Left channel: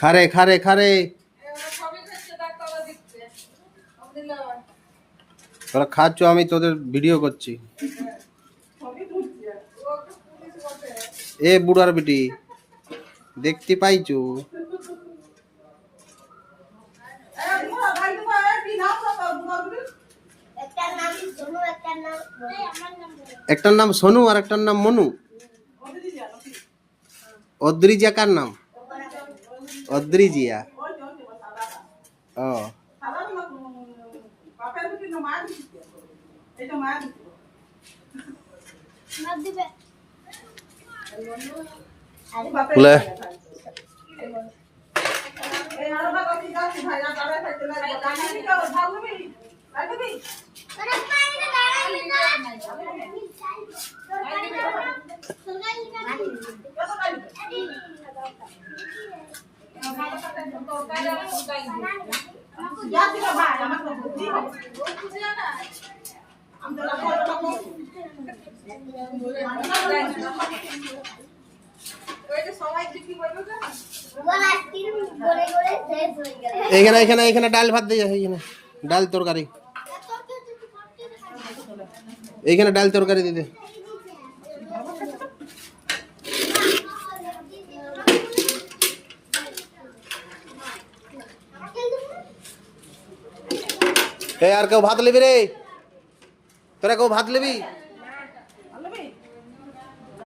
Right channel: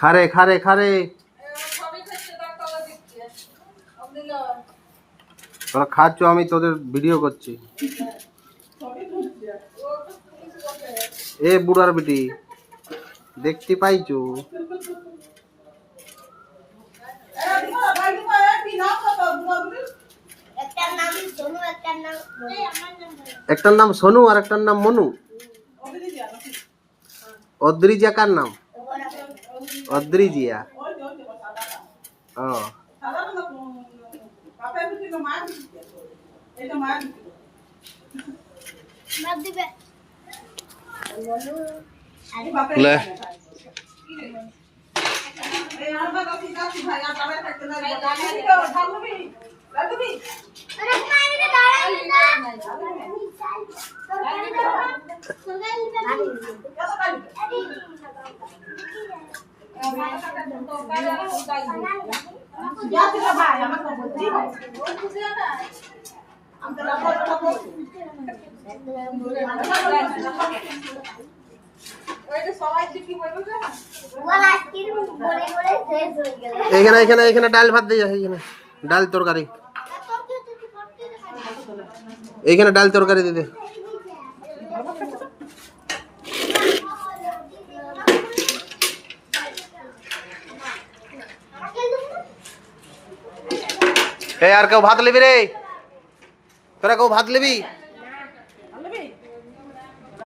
খারে খারে খারে তোরা খাচ্ছ, আমি তোদের ভিডিও করছি। এ বুড়ার বেটি দেখতে পাইছো? একটার নাম সোনু আর একটার নাম মনু। অদ্রিজা কার নাম? অদ্রিজিয়া। ও লে এখানে এখানে এখানে ডাল ভাত দিয়ে এখানে ডাল তরকারি, এইখানে ডাল তরকারি দিতে। আর কেউ ভাত লিবি রে? তোরা কেউ ভাত লিবি?